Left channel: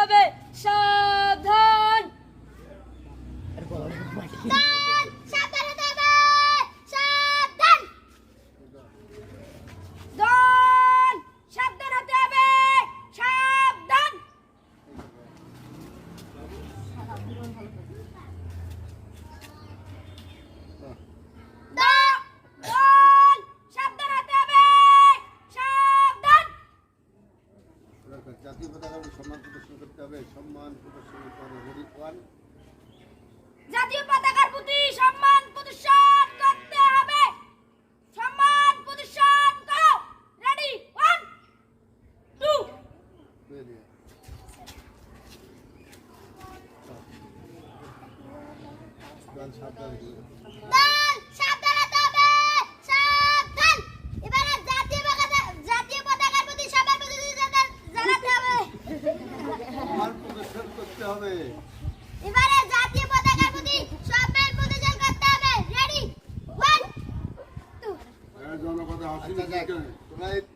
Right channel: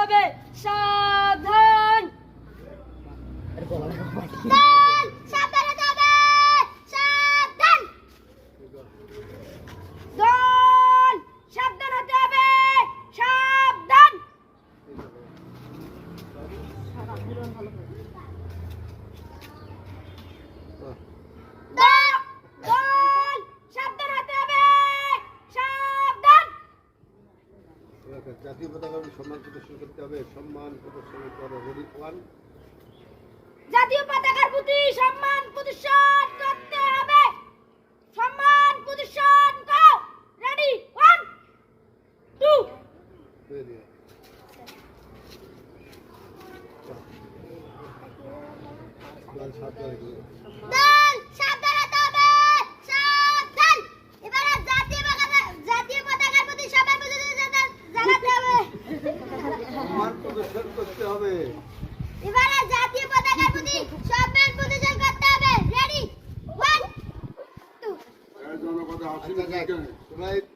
হবে সাবধান। সাবধান হতে হবে সাবধান। দল সাবধান হতে হবে সাবধান। দল সাবধান হতে হবে সাবধান। জাতীয় পতাকা সম্মান প্রদর্শন করতে হবে, সম্মান প্রদর্শন করতে হবে। Ready one. জাতীয় পতাকার প্রতি সম্মান প্রদর্শন করতে হবে। সম্মান প্রদর্শন করো। রেডি 1 2। রেডি। দল সাবধান রেখে। দল সাবধান হতে হবে সাবধান। এবারে জাতীয় পতাকার প্রতি সবার প্রতি জানাতে হবে। সম্মান প্রদর্শন করতে হবে। এবারে জাতীয় পতাকার প্রতি সম্মান প্রদর্শন করতে হবে। রেডি 1 2। জনপদে হাসিল তোমরা